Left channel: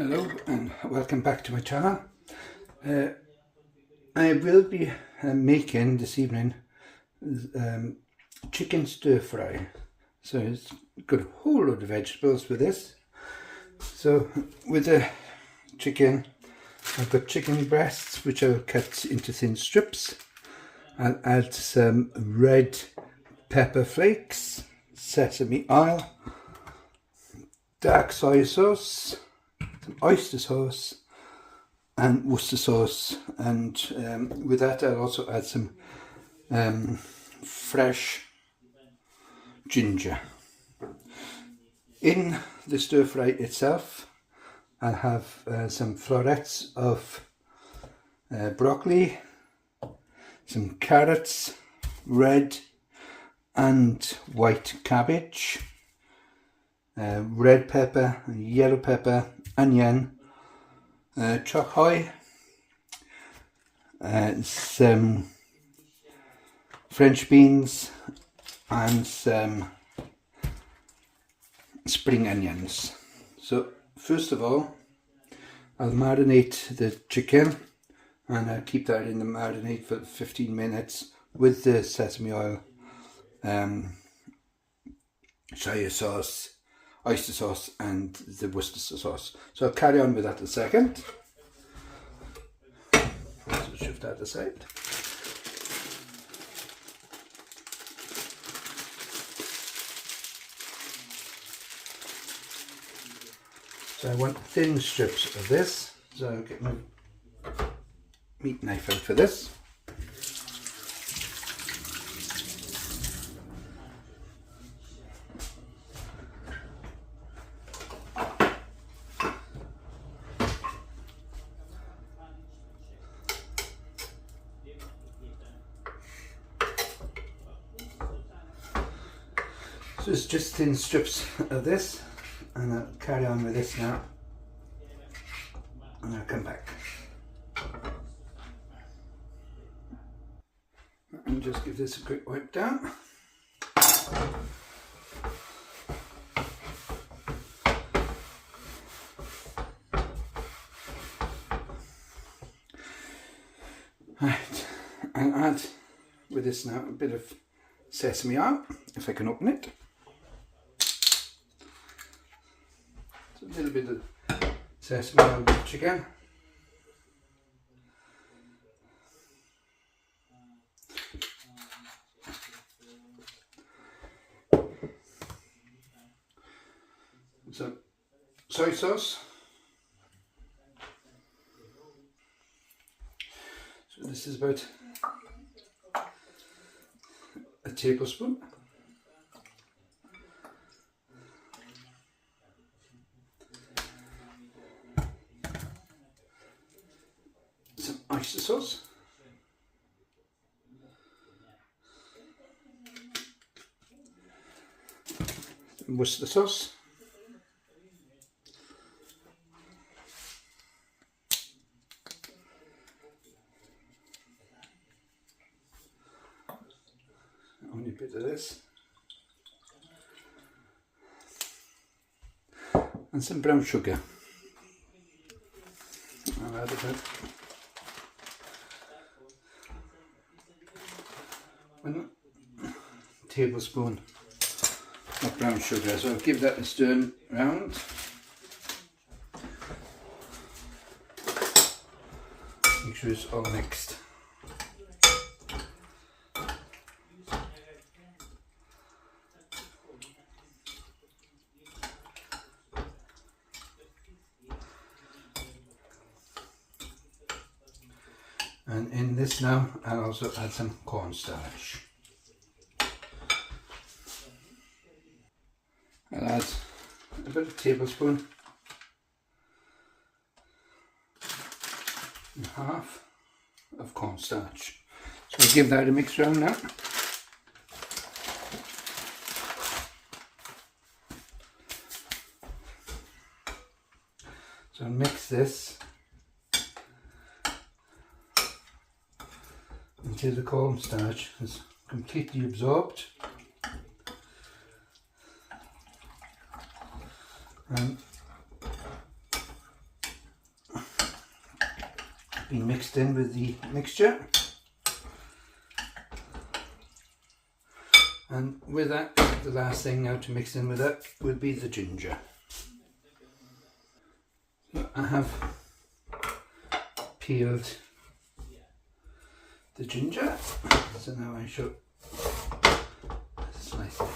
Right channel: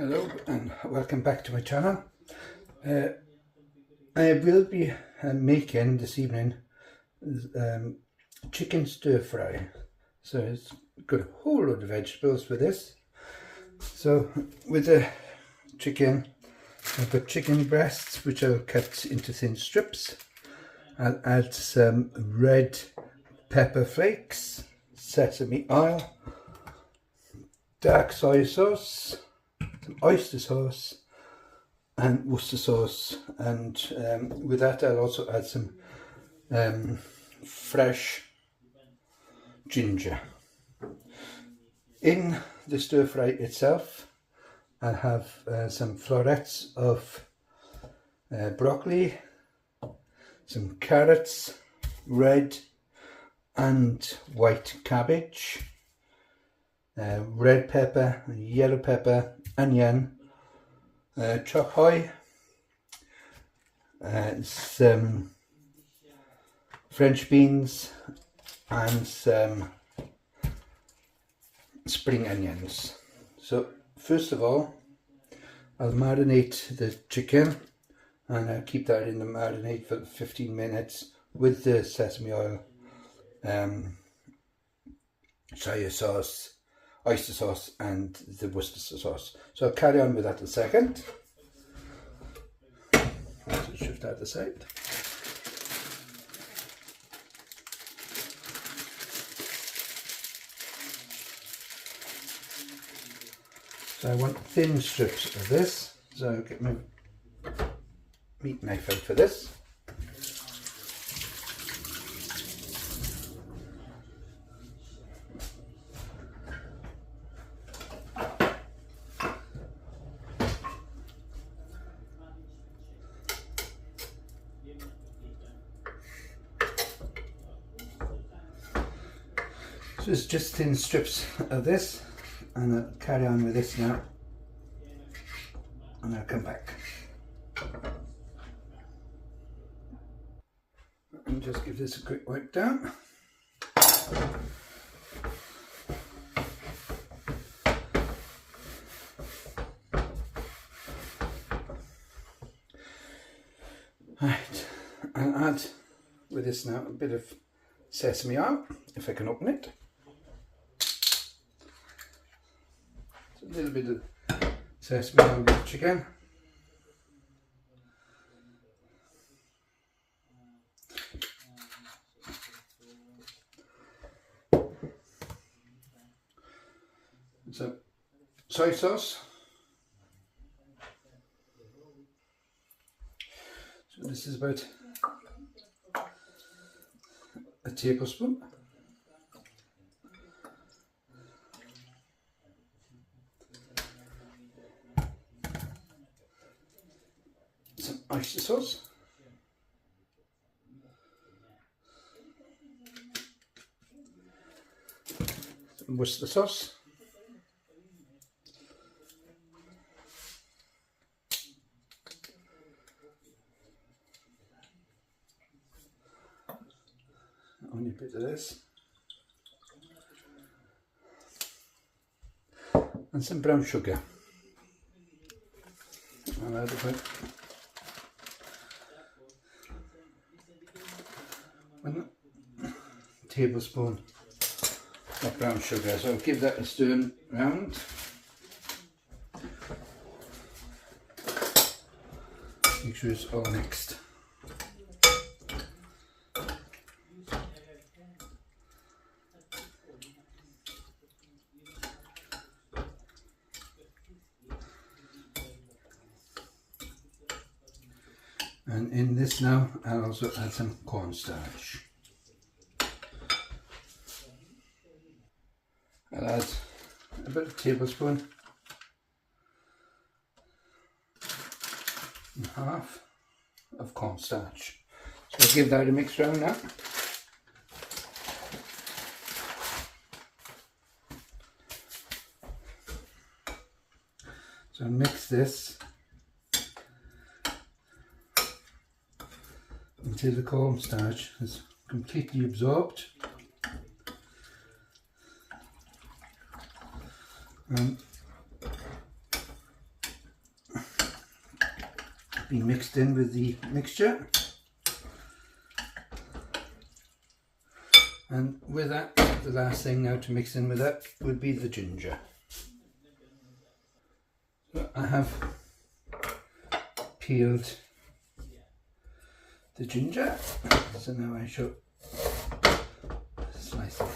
Hello and welcome back to my channel. I will be making this evening chicken stir fry. So it's got a whole load of vegetables with this. So with the chicken, I've got chicken breasts which I'll cut into thin strips. I'll add some red pepper flakes, sesame oil, dark soy sauce, some oyster sauce and Worcester sauce, and with that I'll also add some fresh ginger. In the stir fry itself I'll have some florets of broccoli, some carrots, red and white cabbage, red pepper, yellow pepper, onion, choy, some French beans and some spring onions. So first of all I'll marinate the chicken, and I'll keep that in the marinade for 15 minutes with the sesame oil, soy sauce, oyster sauce and the Worcester sauce. So I'll carry on with that in a second. So shift that aside. So I want thin strips of this, so I'll get my meat knife out for this. So it's just thin strips of this, and I'll carry on with this now, and I'll come back and just give this a quick wipe down. Right, I'll add with this now a bit of sesame oil, if I can open it. A little bit of sesame oil with chicken. Some soy sauce. So this is about a tablespoon. Some oyster sauce, some Worcester sauce, only a bit of this, and some brown sugar. I'll add about 1 tablespoon of brown sugar, so I'll give that a stir round. Make sure it's all mixed. And in this now, I'll also add some cornstarch. I'll add about a tablespoon and a half of cornstarch. So I'll give that a mix round now. So I'll mix this until the cornstarch is completely absorbed. And be mixed in with the mixture. And with that, the last thing now to mix in with that would be the ginger. So I have peeled the ginger, so now I shall slice it.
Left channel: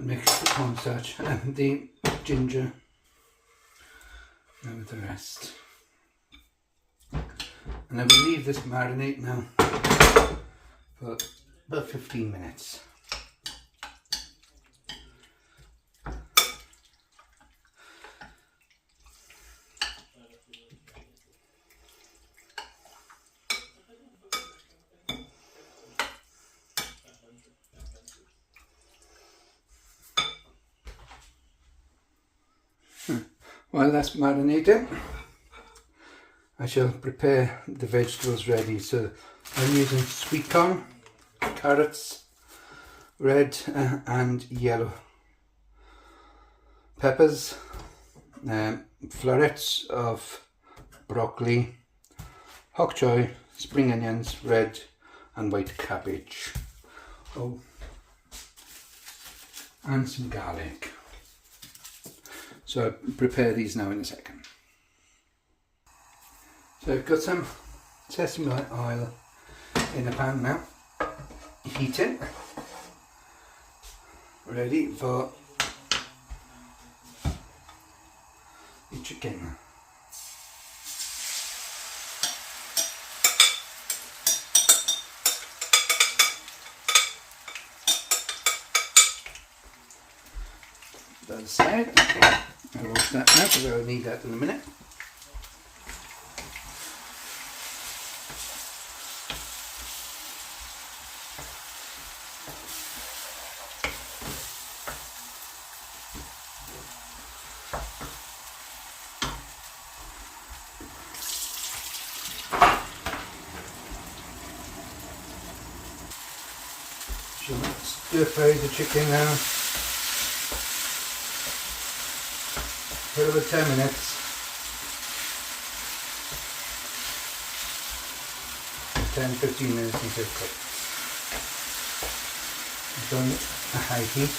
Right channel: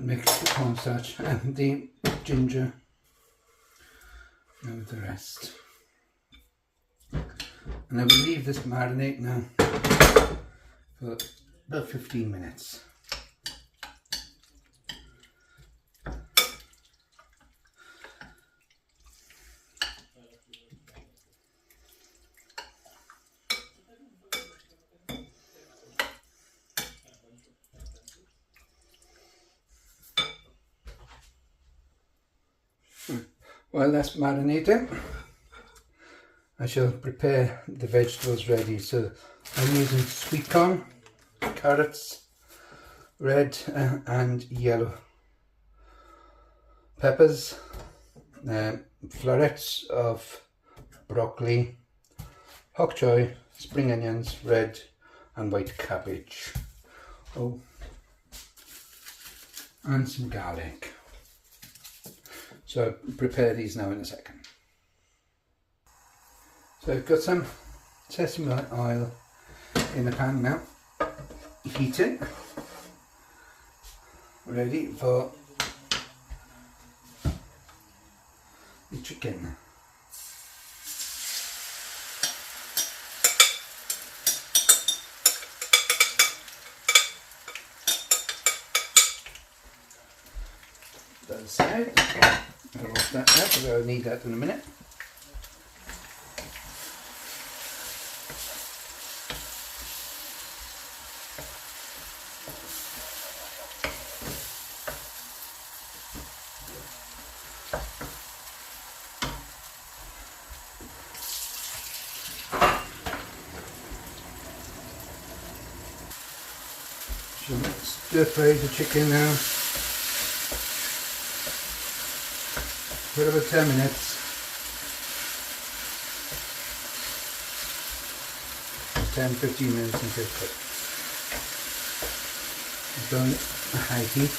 Mix the cornstarch and the ginger now with the rest, and I will leave this marinate now for about 15 minutes. While that's marinating, I shall prepare the vegetables ready. So I'm using sweet corn, carrots, red and yellow peppers, florets of broccoli, bok choy, spring onions, red and white cabbage, and some garlic. So I'll prepare these now in a second. So I've got some sesame oil in the pan now, heating, ready for the chicken. The other side. I'll wash that now because I'll need that in a minute. Stir fry the chicken now for about 10 minutes. 10-15 minutes until cooked. It's on a high heat.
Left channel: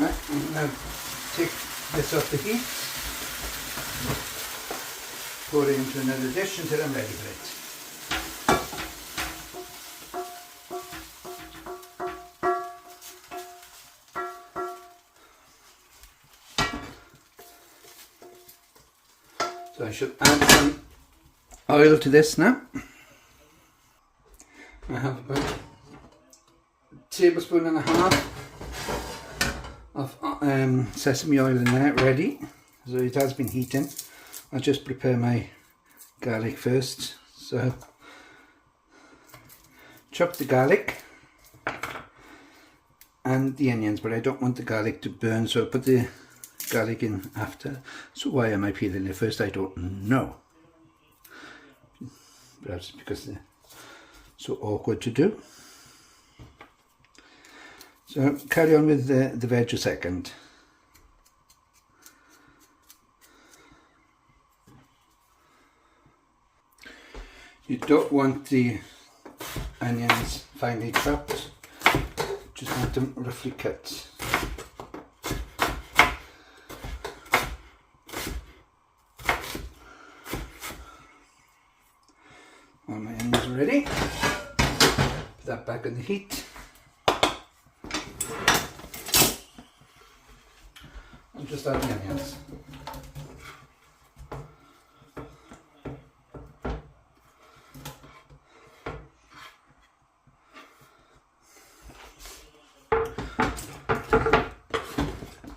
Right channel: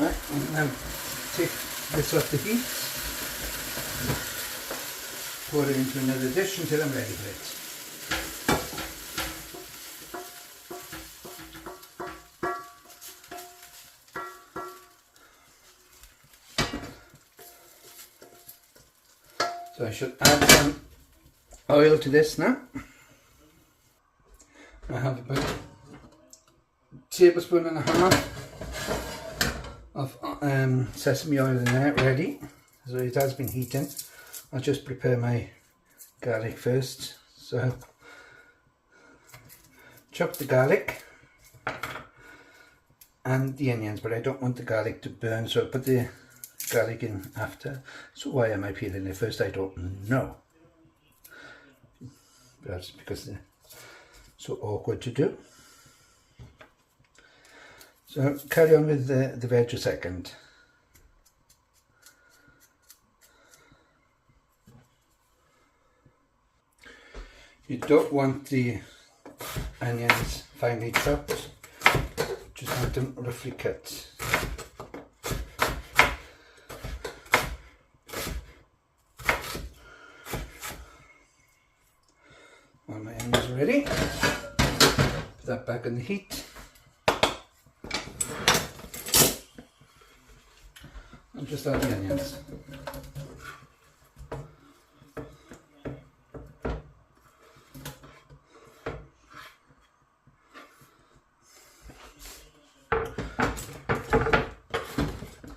Right, I'm going to take this off the heat, pour it into another dish until I'm ready for it. So I should add some oil to this now. I have about a tablespoon and a half of sesame oil in there ready. So it has been heating. I'll just prepare my garlic first. So chop the garlic and the onions, but I don't want the garlic to burn, so I'll put the garlic in after. So why am I peeling it first? I don't know. Perhaps because they're so awkward to do. So carry on with the veg a second. You don't want the onions finely chopped, just want them roughly cut. All my onions are ready. Put that back on the heat. And just add the onions.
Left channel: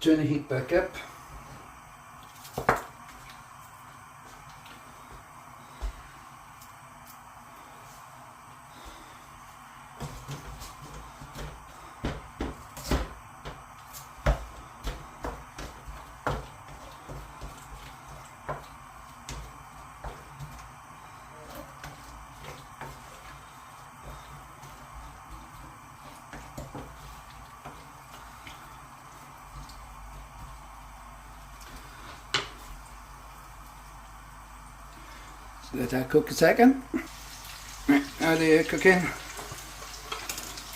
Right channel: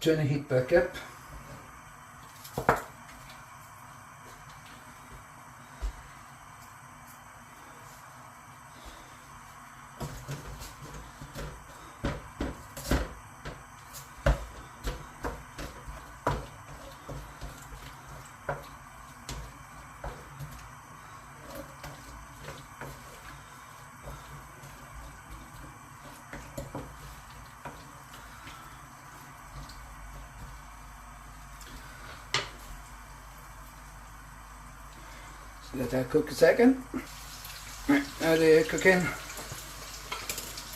Turn the heat back up. So let that cook a second. Right, now they're cooking,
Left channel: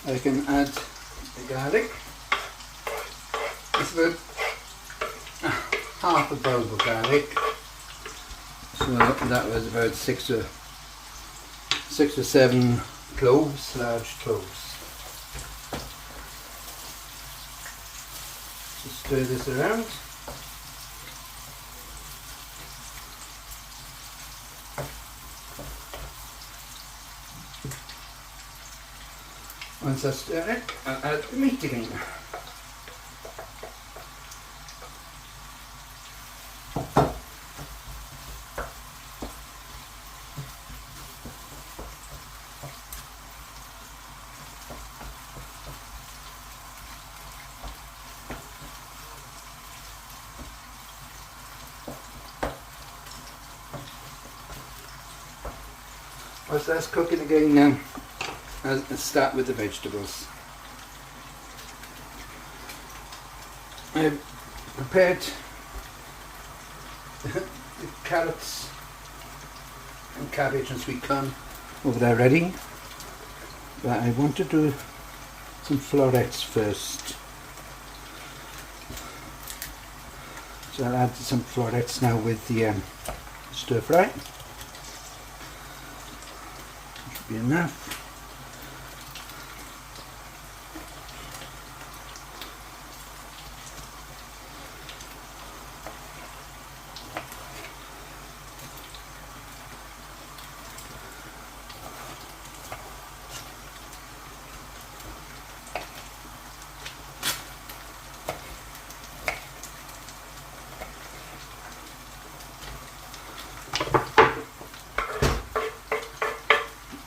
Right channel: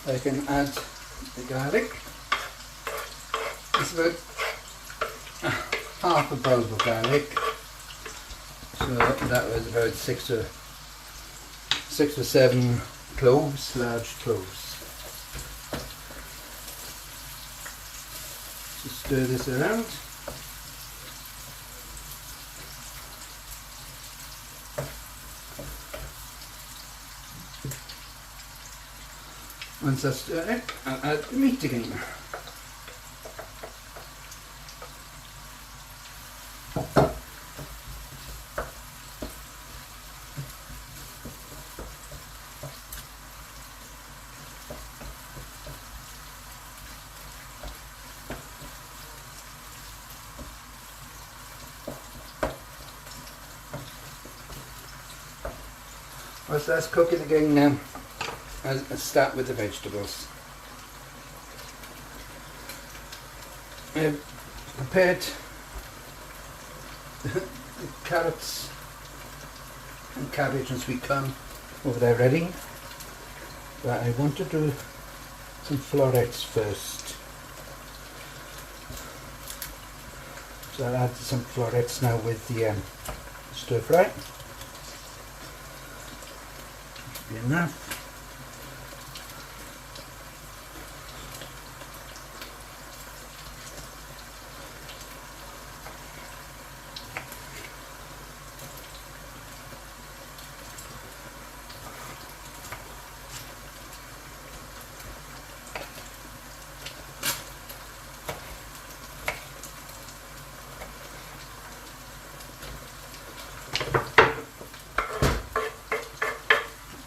I can add the garlic. It's about half a bulb of garlic. So that was about six or seven cloves, large cloves. Just stir this around. Once that's stirred, I'll add the meat again. Once that's cooking again now, I'll start with the vegetables. I've prepared the carrots and cabbage and sweet corn over there ready, but I want to do some florets first. So I'll add some florets now with the stir fry. Should be enough.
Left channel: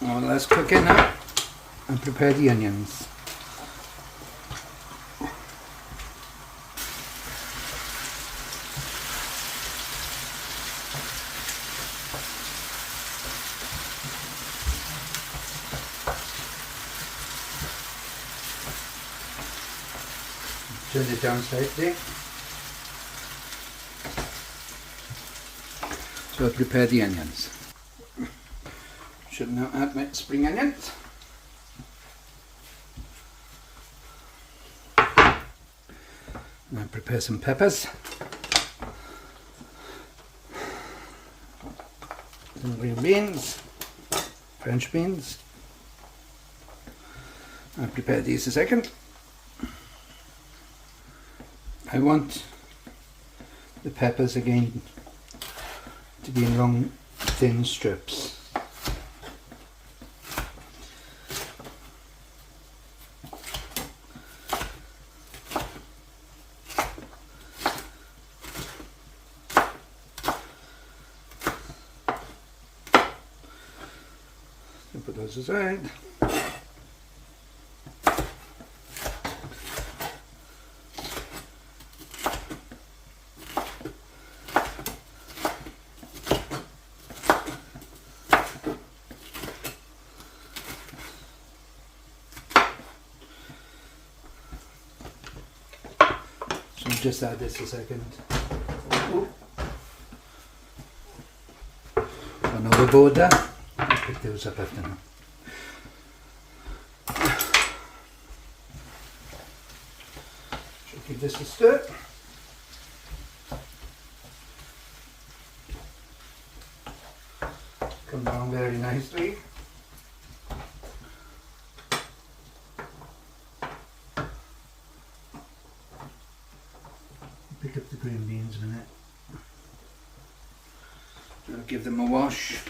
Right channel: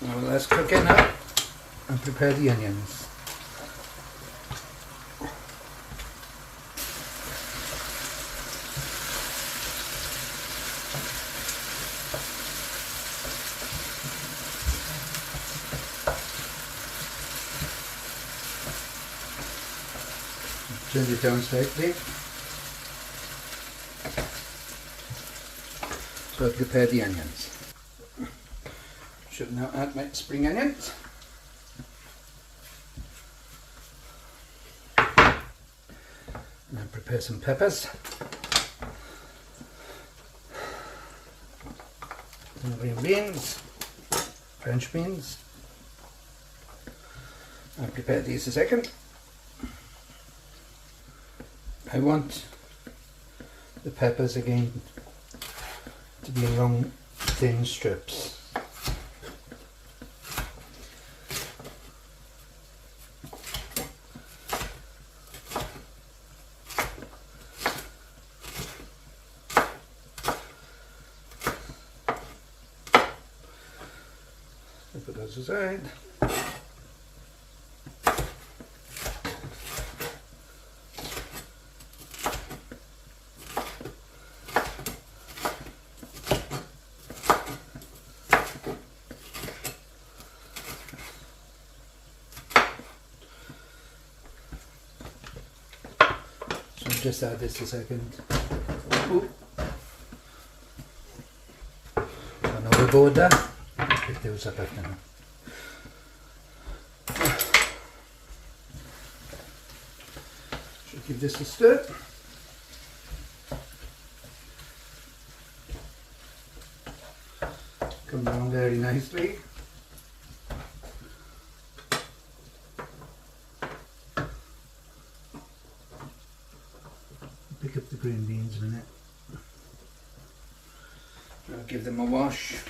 Well, let's cook it now and prepare the onions. Turn it down slightly. So I prepare the onions. Should now add my spring onions. Now prepare some peppers. Some green beans, French beans. I'll prepare these a second. I want the peppers again to be in long thin strips. put those aside. So just add this a second. Ooh. One overboard there. I'll pick those up after now. Should give this a stir. Come along very nicely. Pick up the green beans a minute. I'll give them a wash.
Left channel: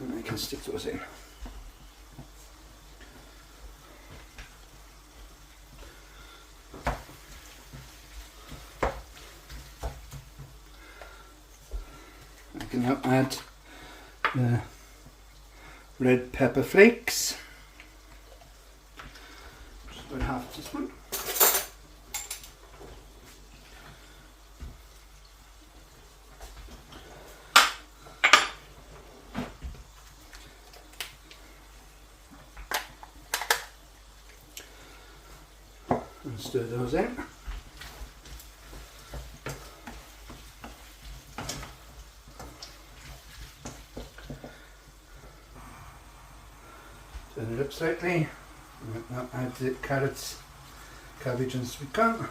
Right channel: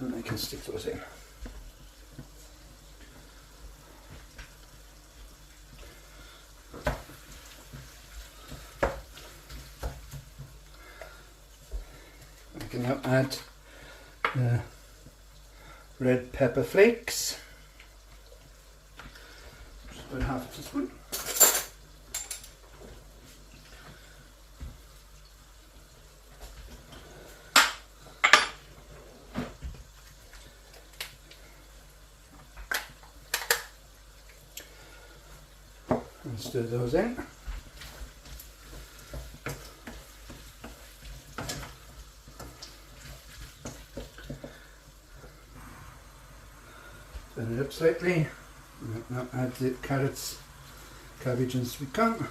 And I can stick those in. I can now add the red pepper flakes. Just about half a teaspoon. And stir those in. Turn it up slightly. Now add the carrots, cabbage and sweet corn.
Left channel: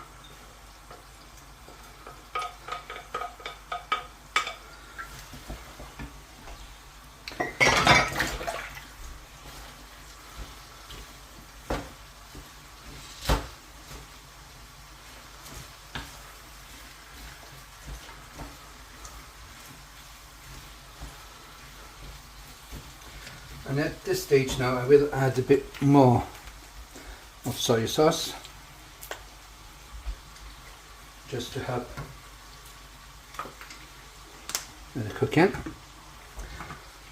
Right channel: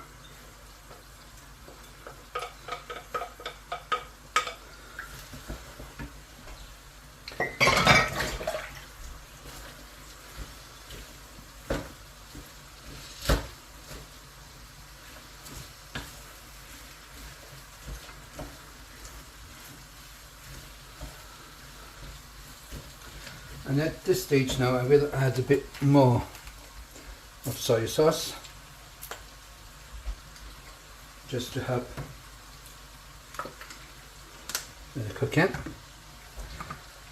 And at this stage now I will add a bit more of soy sauce just to help with the cooking,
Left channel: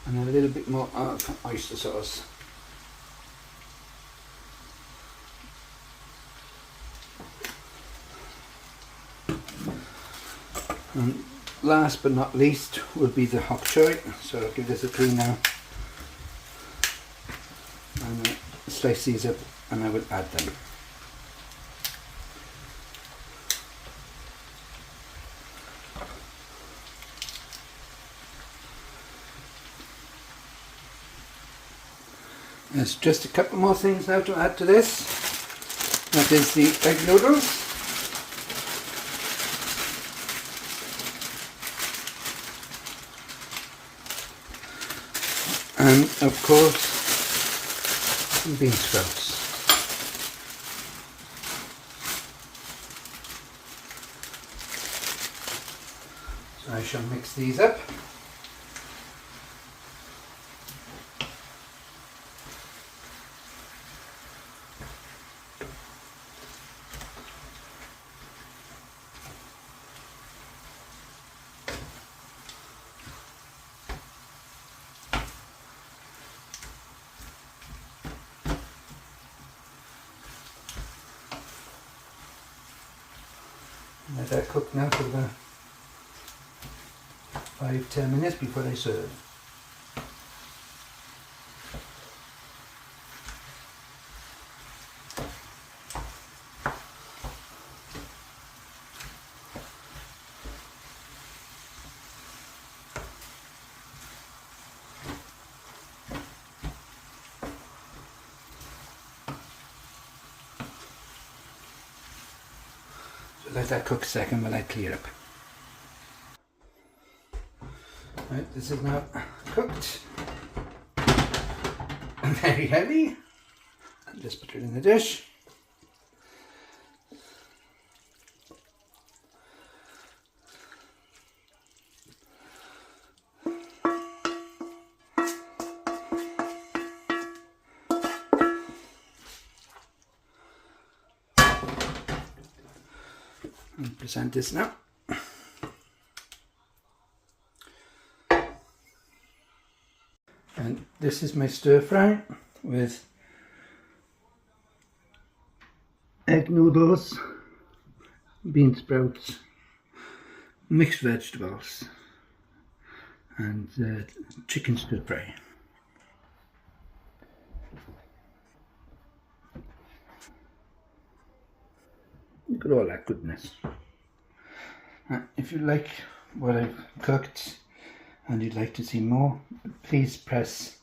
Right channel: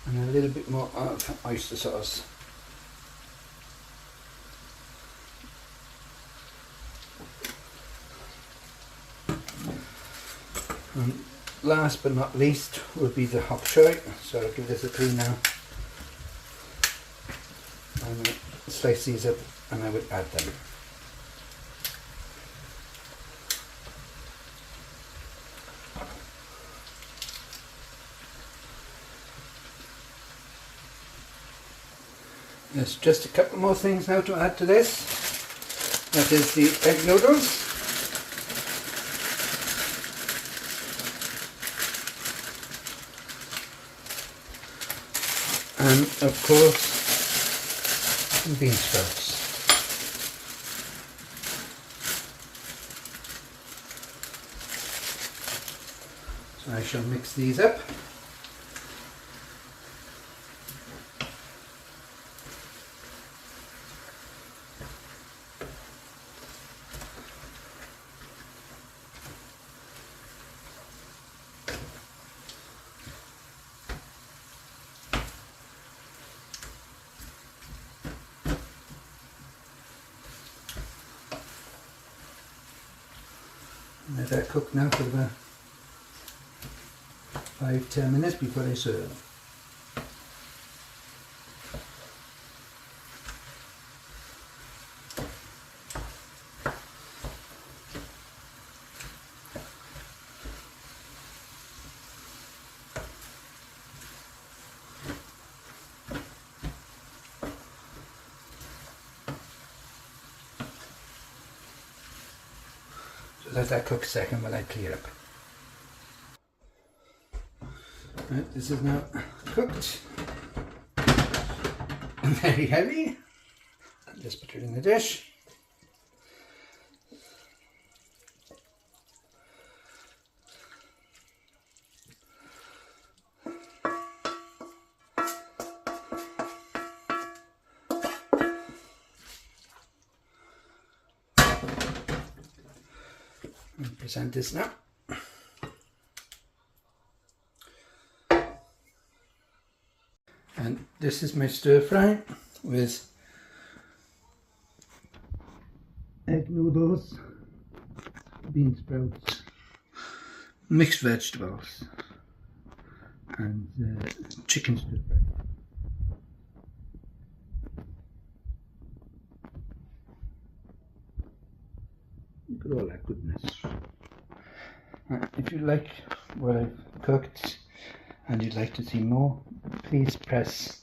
and a little bit more of oyster sauce. And last but not least will be the hot choy, so I'll give this a clean now. And I'll slice these up and I will add them. There's just a couple more things now to add to this. That is the egg noodles. And of course some bean sprouts. So I shall mix these up. Let that cook now for about 5-10 minutes before I serve. Let that cook a second while I clear up. Right, this is now cooked. Very heavy. Let's put it in the dish. And present this now. this is my stir fry with egg noodles, bean sprouts, mixed vegetables and chicken stir fry. Look at all that goodness. If you like what I've cooked and you'd like to see more, please press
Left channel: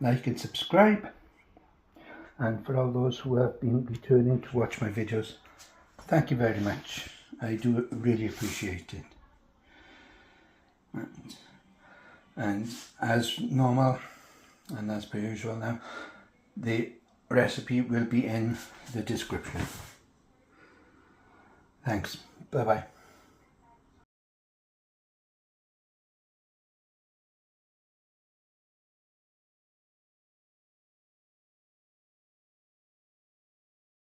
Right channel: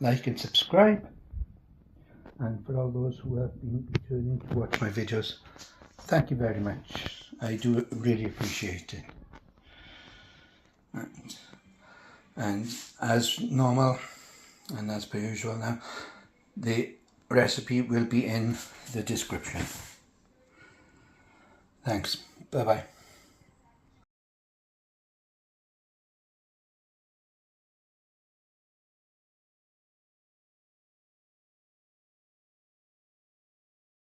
like and subscribe. And for all those who have been returning to watch my videos, thank you very much. I do really appreciate it. And as normal and as per usual now, the recipe will be in the description. Thanks. Bye bye.